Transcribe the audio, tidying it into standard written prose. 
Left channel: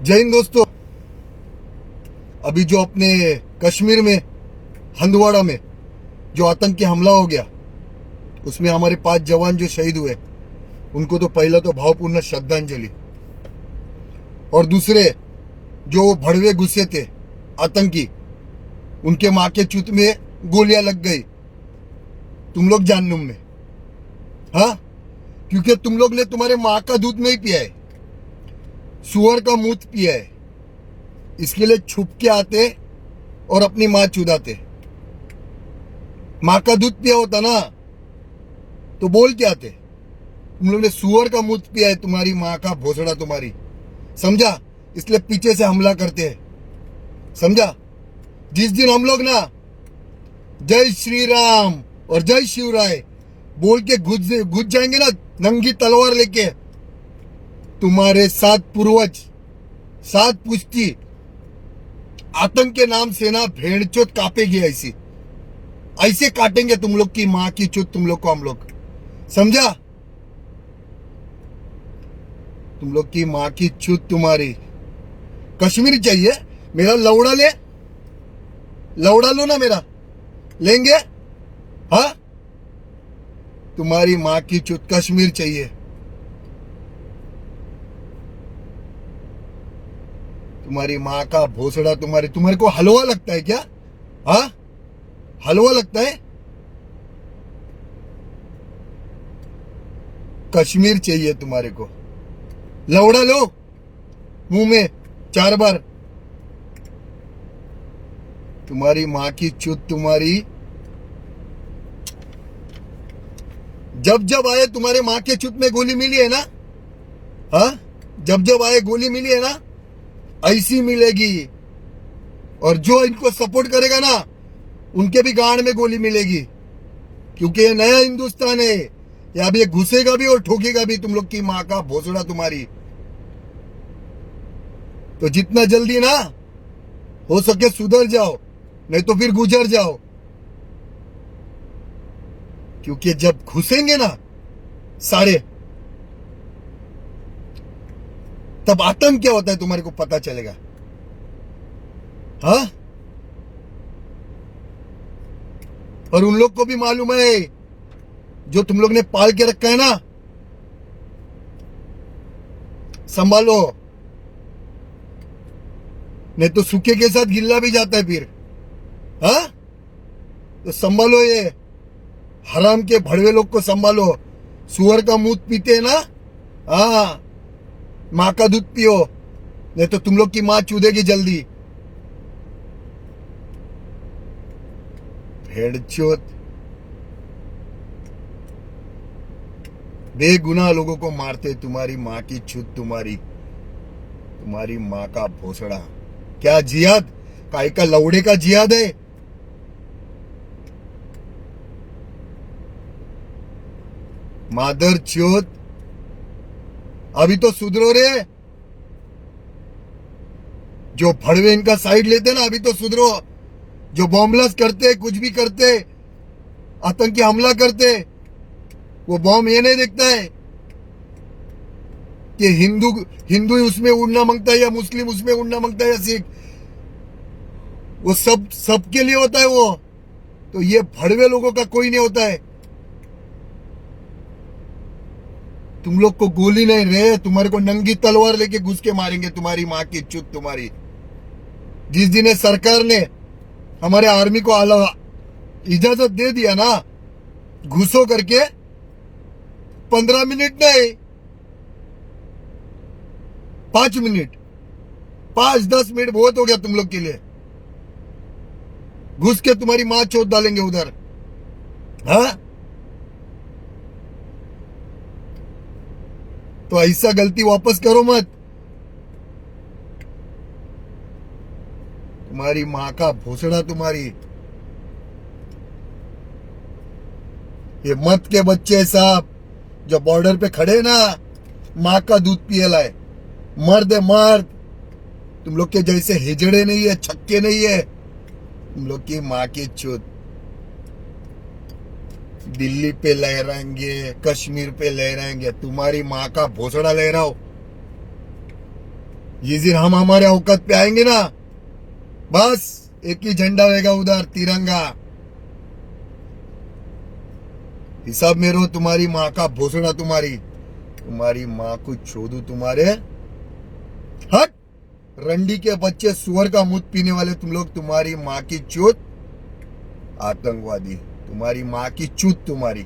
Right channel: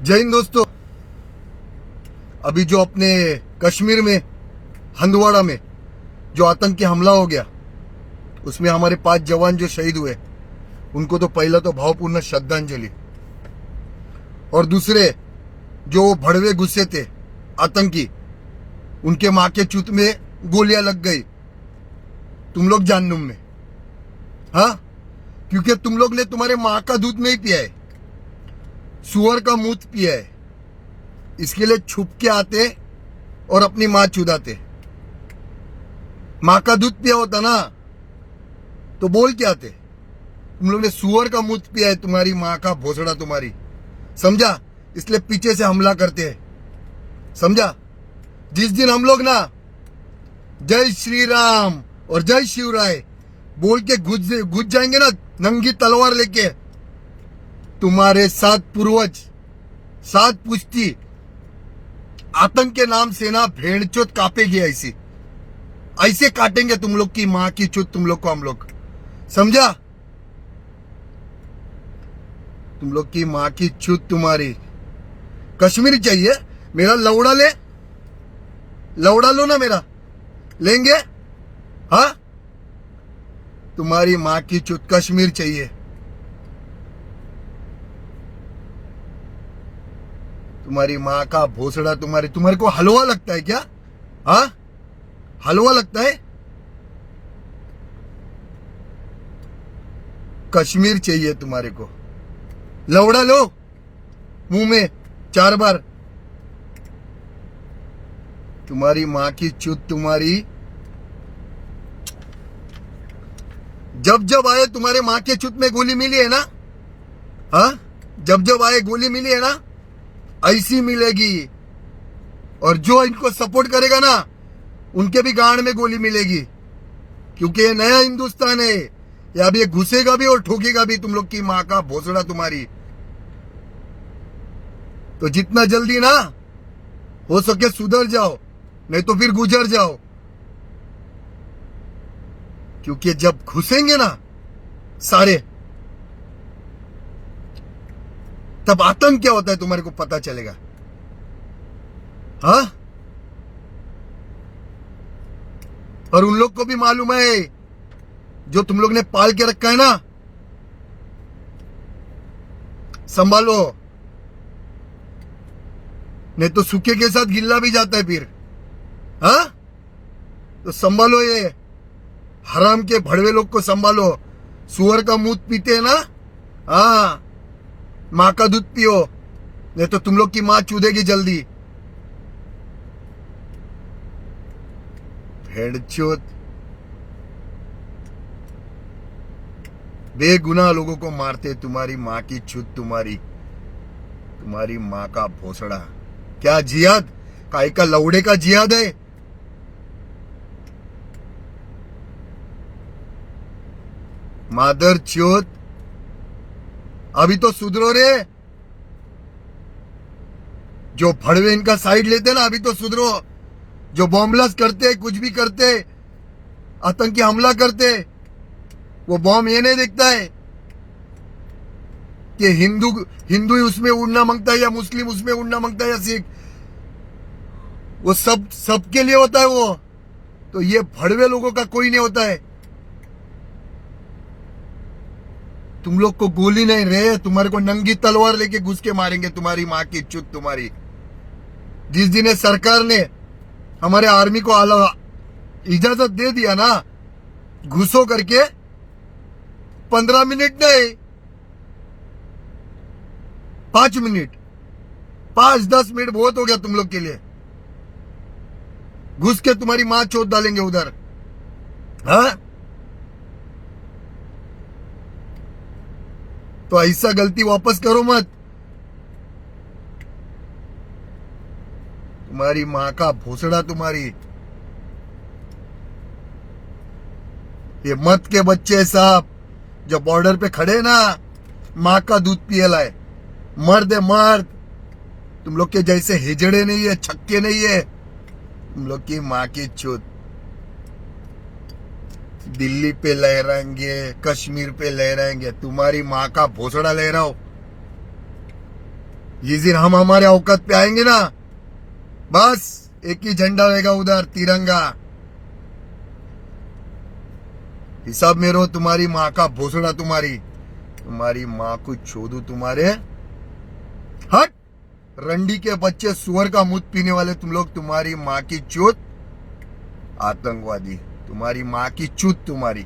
जय हिंद दोस्तों। अभी जो अपने कश्मीर में हंदवाड़ा में जो आतंकी हमला हो गया, उसमें हमारे 5 जवान जो शहीद हुए, उनको तो पहला तो भावपूर्ण श्रद्धांजलि, और दूसरे जो भड़वे गुस्से थे आतंकी, उनके मां के चूत में गोलियां लग गई तुम लोग जाननुम में। हाँ, क्योंकि तुम लोग ने तुम्हारे मां का दूध नहीं पिया है, सुअर का मूत पिया है, इसके लिए छुप के आते और अपनी मां चुदाते। मां का दूध पिया होता ना तो बोल के आते। तुम लोग ने सुअर का मूत पिया है, तुम्हारी मां का भोसड़ा तुम्हारी, समझा? इसलिए पीछे से हमला करते हैं, समझा? जिस दिन हम लोग ना जय श्री राम और जय शिवराय बोल के घुस जाएंगे ना नंगी तलवार लेके, तुम्हारे 7 पूर्वज 7 पुश्ती आतंक के नाम से ना भेड़चोद कापेगी। ऐसी ऐसे काटेंगे तुम लोग की मां की चुत, तुम लोग को हम लोग, समझा? तुम लोग की मां की चुत तुम्हारी। कश्मीर चाहिए मेरा लौड़ा ले, लौड़ा लो ना मेरा, लेंगे? हाँ, तुम्हारी मां की चुत कश्मीर चाहिए। तुम्हारी मां का भोसड़ा तुम्हारे को हलवा लगता है क्या? हाँ, हलवा लगता है? कश्मीर चाहिए तुम्हारे को। लौड़ा लो मुंह में 4 बार। तुम्हारी मां की चुत तुम्हारी। जब आए तुम्हारे मां के चुत में गोली मिली है ना, हाँ, जब आए गोली मिली है ना, ऐसी मिलेगी। और जो इनको सपोर्ट करेगा ना, उनके भी गांड में गोली मिलेगी, क्योंकि ये नया हिंदुस्तान है। ये अब ये घुसेगा भी और ठोकेगा भी तुम लोग की मां का भोसड़ा तुम्हारी। तो जितना जल्दी ना हो सके सुधर जाओ, नहीं तो फिर गुजर जाओ। क्योंकि जब घुसेंगे ना सारे, तब आतंक क्या होता है तुम्हारे को पता चलेगा। हाँ, और उन लोग को भी मालूम है, जो तुम लोग ने पाल के रखा है ना, संभालो, नहीं तो सूखे के साथ गिल्ला भी जाता है फिर। हाँ, तो संभालो, ये हराम के भड़वे लोग को संभालो। सुअर का मूत पीते हैं ना, हाँ, मां का दूध पियो, नहीं तो तुम लोग की मां चूदेगी जल्दी। भेड़चोद, बेगुनाह लोगों को मारते, तुम्हारी मां की चूत तुम्हारी मां का भोसड़ा। क्या जिहाद? काय का लौड़े का जिहाद है? मादर चोद, अभी तो सुधरो रे। जो भड़वे इनका साइड लेते ना, अभी तो सुधरो। जो बॉम्बलास्ट करते, कुछ भी करते, आतंकी हमला करते, वो बॉम्ब ये नहीं देखता है कि हिंदू उसमें उड़ना मांगता है या मुस्लिम उसमें उड़ना मांगता है या सिख। वो सबके लिए होता है वो। तो ये भड़वे लोगों का कोई नहीं होता है। तुम लोग को गोली नहीं रहे, तुम्हारे को नंगी तलवार लेके घुस के मारेंगे, तुम्हारी मां की चुत तुम्हारी। जिस दिन सरकार ने हमारे आर्मी को इजाजत दे दिया ना घुसो करके, 15 मिनट नहीं, 5 मिनट, 5-10 मिनट बहुत हो गया तुम लोग के लिए। घुस के तुम्हारी मां चोट डालेंगे उधर। हाँ, तो ऐसा गलती वापस करो मत। तुम्हारी मां का भोसड़ा तुम्हारी। ये मत के बच्चे साहब जो बॉर्डर पे खड़े ना, मां का दूध पिए लाए, मर्द है मर्द। तुम लोग के जैसे हिजड़े नहीं है, छक्के नहीं है। तुम लोग की मां की चोट। दिल्ली पे लहराएंगे, कश्मीर पे लहराएंगे, तुम्हारी मां का भोसड़ा लहराओ। जिस दिन हम हमारे औकात पे आएंगे ना, बस एक ही झंडा रहेगा उधर, तिरंगा। हिसाब में रहो, तुम्हारी माँ का भोसड़ा, तुम्हारी माँ को छोड़ू तुम्हारे। हट, रंडी के बच्चे, सुअर का मुंह पीने वाले तुम लोग, तुम्हारी माँ की चूत। आतंकवादी, तुम्हारी माँ की चूत तुम्हारी।